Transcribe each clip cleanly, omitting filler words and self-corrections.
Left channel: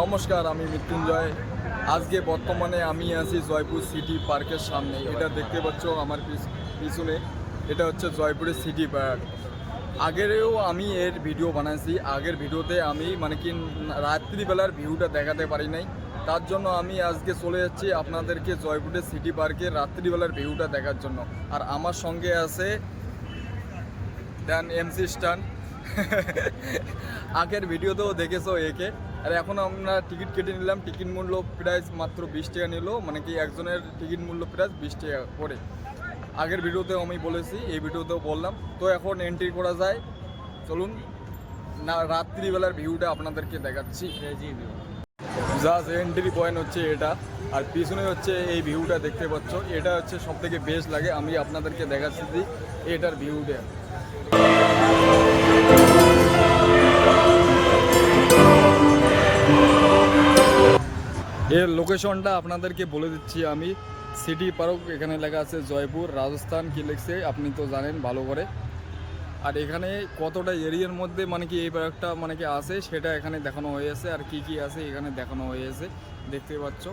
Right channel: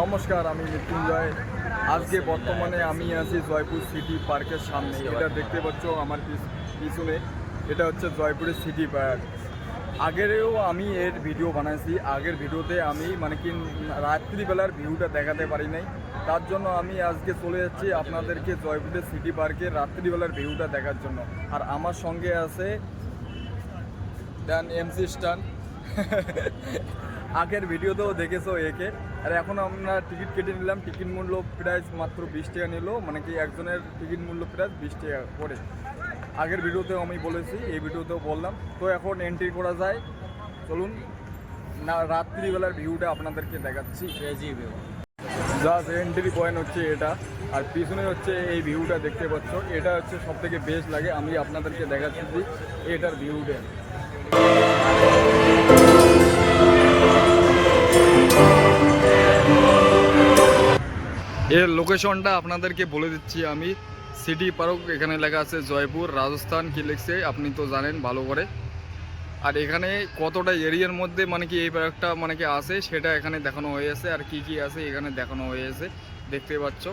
নমস্কার, আমি মৃত্যুঞ্জয়। আজকে বর্তমানে আমি আছি জয়পুর সিটি পার্কের সামনে। এটা দেখতে পাচ্ছ আমার পিছনে, এটা হচ্ছে জয়পুরের সিটি পার্ক। আগেরও আমি এর ভিডিও বানাইছি। আগের ভিডিওতে আমি রাত্রিবেলার ভিউটা দেখাতে পারি নাই, তার জন্য আমি আজকে চলে যাচ্ছি আপনাদেরকে জয়পুরের সিটি পার্কের রাত্রিবেলার ভিউটা দেখার জন্য। আর আমার সঙ্গে আছে এমসি স্টান। আগের ভিডিওতেও দেখেছো একে। আর এখন আমরা টিকিট কেটে নিলাম। টিকিট মূল্য প্রাইস মাত্র 20 টাকা নিল, একজনের টিকিট মূল্য প্রাইস 20 টাকা করে। আগের ভিডিওতেও আমি বলেছি, এই ভিডিওতেও বললাম। তো এখন এন্ট্রি করা যায়, চলুন না রাত্রিবেলার ভিউটা আপনাদেরকে দেখাচ্ছি। জাস্ট এন্ট্রি পয়েন্ট হচ্ছে এটা, আর পিছনে হচ্ছে এই ভিউটা দেখতে পাচ্ছ। এটা হচ্ছে সব থেকে বেস্ট লাগে। আমি আপনাদেরকে দেখাচ্ছি এটার ভিউটা। এর লোকেশনটা আপনাদেরকে বলে দিচ্ছি আমি। সিটি পার্ক, এখানে লেখা আছে জয়পুর, রাজস্থান কি লিখছে আপনি তো জানেন ভালো করে। আর এখানে কতটা এরিয়ার মধ্যে এই পার্কটা আছে সেটা এখানে দেখানো হয়েছে। আর কি কি আছে এখানে দেখানো হয়েছে দেখতে পাচ্ছ।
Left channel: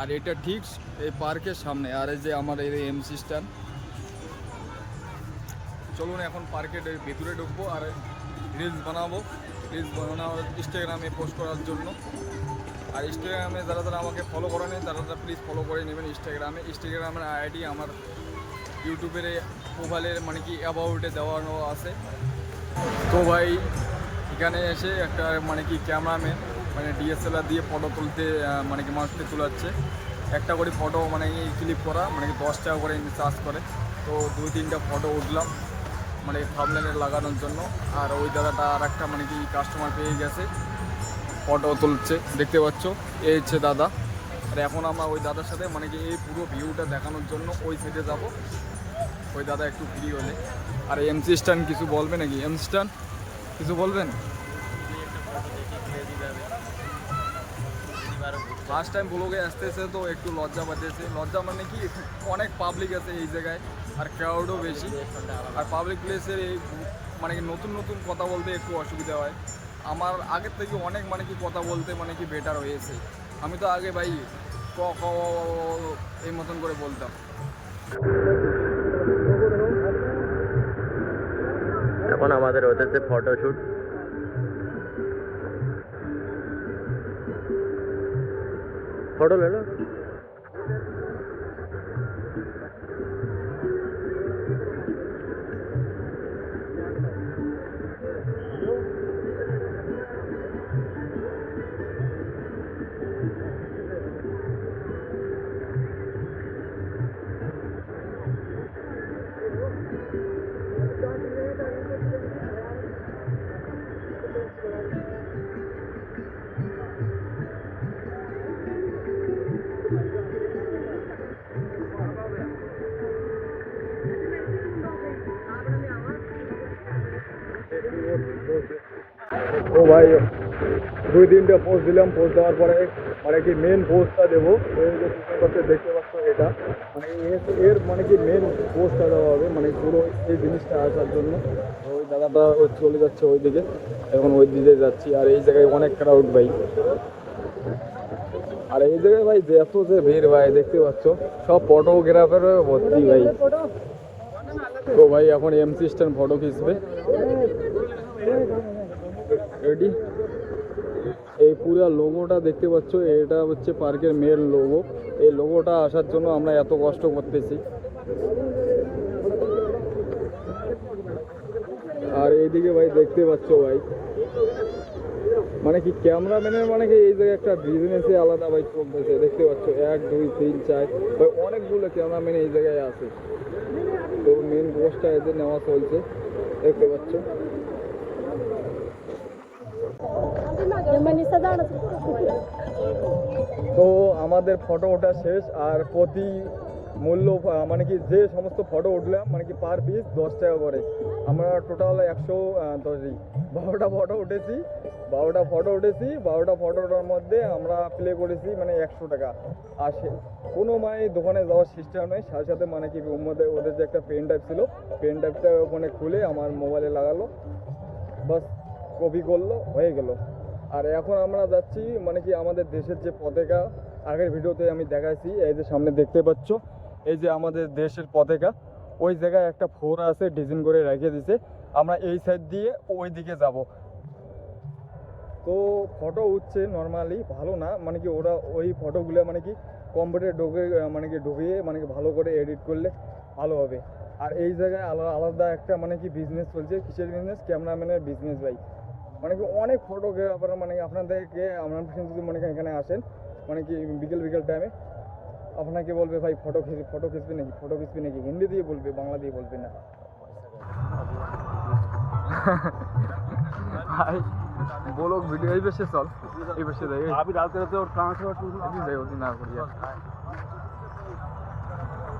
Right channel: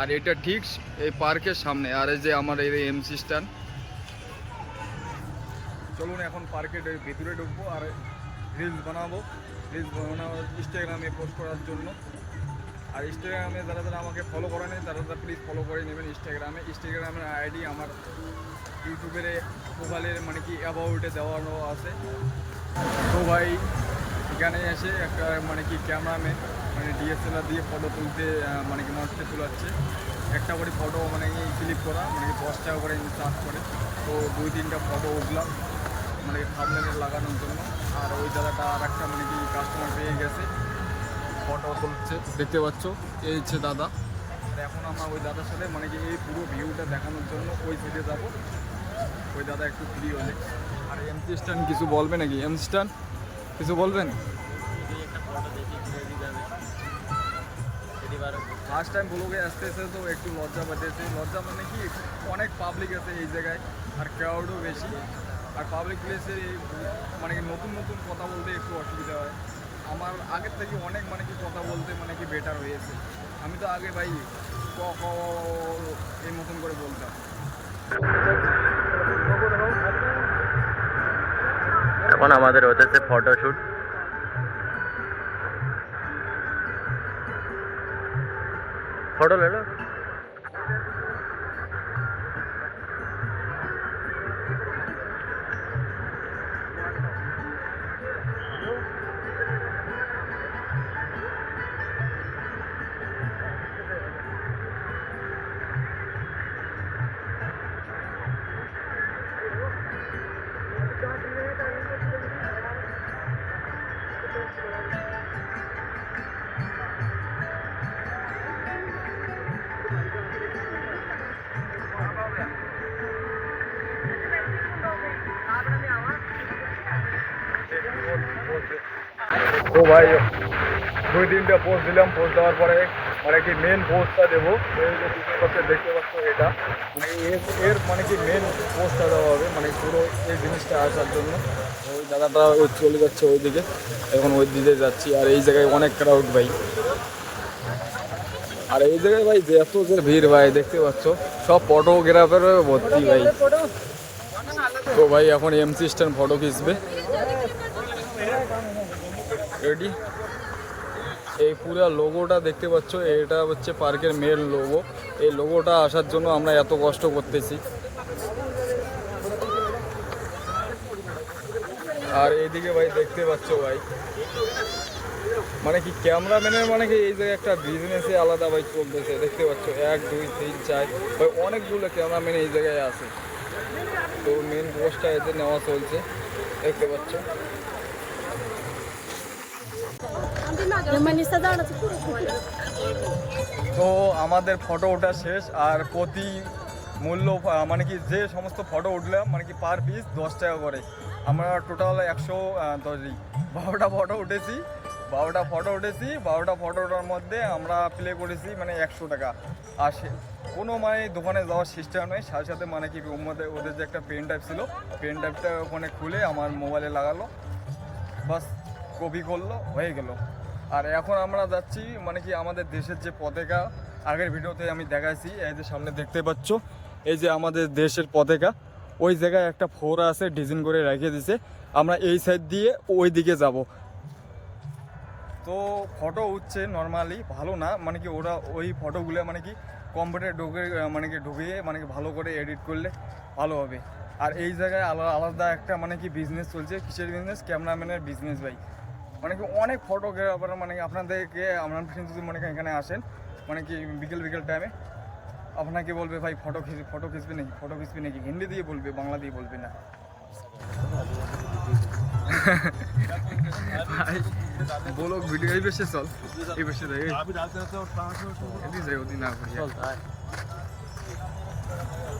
আর এটা ঠিক এই পার্কের সামনে। আর এই যে আমার এই এমসি স্ট্যান্ড। চলুন এখন পার্কের ভিতরে ঢুকবো আর রিলস বানাবো। ইনস্টাগ্রামে পোস্ট করার জন্য। আর ইনস্টাগ্রামে যারা যারা আমাকে ফলো করে নেন তারা প্লিজ ফলো করে নেবেন। ইনস্টাগ্রামের আইডি আমার ইউটিউবের প্রোফাইলের অ্যাবাউটে দেওয়ানো আছে। তো ভাই এখানে এসে একটা ক্যামেরাম্যান ডিএসএলআর দিয়ে ফটো তুলতে মানুষকে তোলাচ্ছে। একটা করে ফটো ক্লিক করা 10 টাকা করে চার্জ করে। তো 2-3টা ফটো উঠলাম থাম্বনেইলে লাগানোর জন্য। আর ওই জায়গাটা আর একটা কাস্টমার পেয়ে গেছে, ফটো তুলছে দেখতে পাচ্ছ। এই হচ্ছে দাদা। আর এখন আমরা ওই দাদার সাথে এই পুরো ভিউটা দেখানোর জন্য ওই সাইডে যাব। ওই দাদা একটু ফ্রি হলে। আর এমসি স্টান কিছু বলবে নাকি? এমসি স্টান কিছু বলবেন? একটা ফটো দেখি ক্রেজি যাবে। ফার্স্ট টাইম ব্লগে আসতেছে তো একটু লজ্জা বাজেছে। লজ্জা কি, অনেক পাবলিক আছে এই জায়গায়, আর ক্রাউডও বেশি। আর পাবলিক প্লেসে নতুন নতুন কথা বলতে একটু অসুবিধা হয়। আমার আগের থেকে অনেক কথা বলতে বেটার হয়েছে। আমি তো আগে ভাই ক ক এই মতন করে বলতাম। এখন আমাদের হতেছে ফটোশুট। ফটো লেলো। তো ভাই 2-3টা পোস্ট দিলাম। পোস্ট দেওয়ার পরে মেন পোস্টটা দেবো। এই যে দেখতে পাচ্ছ এটা এর মেন পোস্টটা দেওয়া হবে পুরো এই জিনিসটা আসার জন্য। ওই দাদাটা চলে যাচ্ছে ওইদিকে, এখন ওই দিকে যাচ্ছি। আর এই জায়গায় অনেক ক্রাউড ভাই। আর এই জায়গায় ভাই যে এত যে ভিড় ভাই দেখতে পাচ্ছ, সব ফটোগ্রাফার ভর্তি ভাই। তো ভাই এখন এমসি স্ট্যান্ড ফটো খিচবে। রেডি? এই পুরো লোগোটা দেখতে পাচ্ছ, এটা হচ্ছে পার্কের মেন লোগো। এই লোগোটা আসার জন্য আমরা এত কষ্ট করতেছি। আর এইদিকে ভাই দেখতে পাচ্ছ ভাই ক্যামেরাম্যানের এই জায়গায় একটা বিজনেসে আলাদা ভাই চলতেছে দেখতে পাচ্ছ। 1 2 3 4 ভাই অনেকগুলো ক্যামেরাম্যান এই জায়গায় আছে। তো মেন পোস্টটা এতে নেওয়া চলছে দেখতে পাচ্ছ। তো আমাদের ফটো ওঠা শেষ। আর প্রতি মূল্য যে সমস্ত ফটো উঠলাম পার পিস 10 টাকা করে। আমরা টোটাল 12টা ফটো উঠেছি। 12টা ফটোটার মধ্যে আমরা প্লে করেছি 100 টাকা। আর কোনো দোকানে যাওয়ার সিস্টেম নেই। সাথে সাথে ওদের যে একটা পেন ড্রাইভ ছিল, পেন ড্রাইভটা ওখানে খুলে আমার মোবাইলে লাগালো, বাস কপি করলো, হয়ে গেল। আর এখন আমরা যাচ্ছি মানে কি আমাদের দেশের যে পতাকা আগের ভিডিওতে আমি দেখাইছি, এই যে সামনে দেখতে পাচ্ছ এই যে আমাদের দেশের পতাকা, ওই জায়গায় একটা ফোড়া আছে ডিজাইন করে রেখে দিছে। আমরা এই সাইড দিয়ে ওই দিকে যাব। তো ফটো উঠছে নর্মালি, ভালো না মানে কি ওরা ওই ফটোগুলো মানে কি কম্পিউটারে ঢুকিয়ে মানে কি ভালো করে এডিট করলে ভালো হবে। আর এই জায়গায় আলাদা একটা মানে কি বিজনেস চলছে। কিসের বিজনেস? ক্যামেরাম্যানের বিজনেস ভাই। মানে কি অনেক ফটোগ্রাফার মানে কি আপনাদেরকে আপনার যদি মনে করেন এখানে আসেন মানে কি বিকেল টাইমে আপনাকে বলবে ভাই ফটো খিঁচবে নাকি হিন্দি দিয়ে বলবে, বাংলা দিয়ে বলবে না ভাই। বলো ভিডিও এই বেশে চল, এই বেশে যাই ওদি না করি।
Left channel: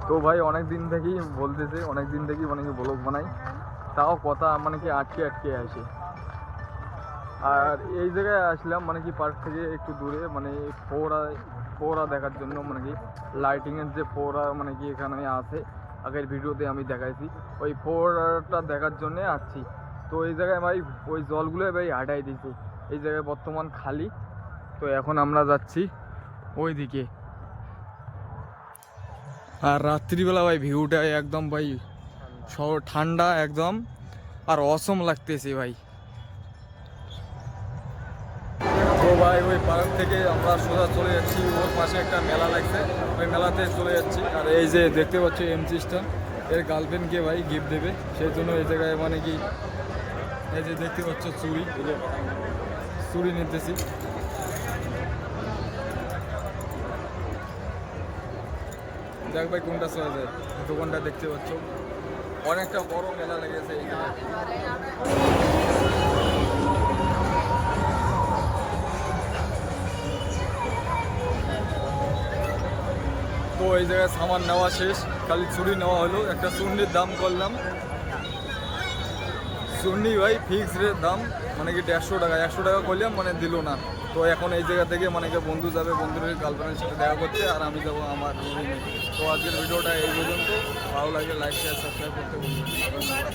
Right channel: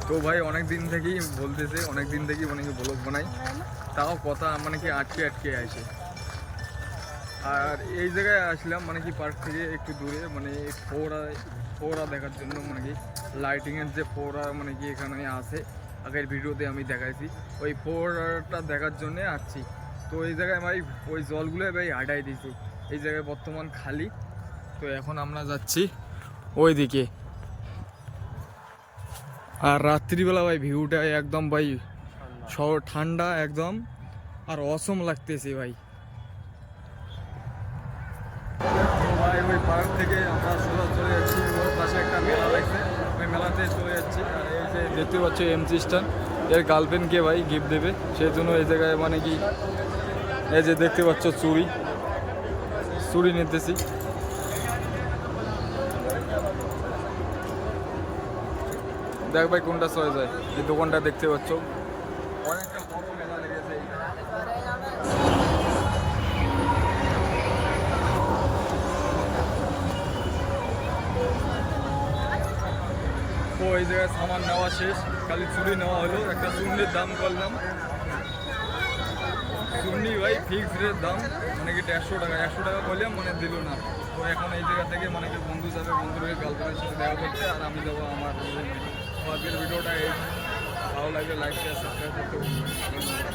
তো ভাই অনেক দিন থেকেই বলতেছে, অনেক দিন থেকেই মানে কি ব্লগ বানাই, তাও কথা মানে কি আটকে আসে। আর এই জায়গায় আসলাম মানে কি পার্ক থেকে একটু দূরে মানে ফোড়া দেখার জন্য, মানে কি লাইটিংয়ের যে ফোড়া মানে কি এখানে আছে, আগের ভিডিওতে আমি দেখাইছি, ওই ফোড়াটা দেখার জন্যে আসছি। তো এই জায়গায় ভাই ওই জলগুলো ভাই হাঁটাই দিয়েছি, এই জায়গায় বর্তমান খালি। তো এখন আমরা যাচ্ছি ওই দিকে। আর রাত্রিবেলা ভাই ভিউটা একদম ভাই শহর ঠান্ডা একদম, আর অসম লাগতেছে ভাই। তো ভাই ওই পার্ক থেকে আমরা সোজা চলে যাচ্ছি, ওর পাশে একটা মেলা লাগছে, ওই মেলাতে চলে যাচ্ছি। আর এই যে দেখতে পাচ্ছ এমসি স্টান এর গার্লফ্রেন্ডকে ভাই গিফট দেবে, সেই জন্য এই জায়গায় মানে কি এই যে দেখতে পাচ্ছ চুড়ি নিতেছি। দেখ ভাই কোনটা চলে যায়। এই দোকানটা দেখতে পাচ্ছ অনেকটা বড় মেলা লেগেছে এই জায়গায়। তো এই জায়গায় সামান নেওয়া শেষ, খালি চুড়ি নেওয়া হলো। একটা চুন্নির দাম করলাম, চুন্নি ভাই ফিক্স রেট দাম মানে কি 150 টাকা। 100 টাকা করলাম মানে দিল না। তো এখন এই জায়গা থেকে মানে যে বন্ধু যাবে, বন্ধুর গার্লফ্রেন্ডের সাথে দেখা করতে, আর আমি যাবো আমার রুমে। তো আজকের ভিডিওটা এই পর্যন্ত। ভালো লাগলে লাইক শেয়ার সাবস্ক্রাইব করতে ভুলবেন না। ধন্যবাদ।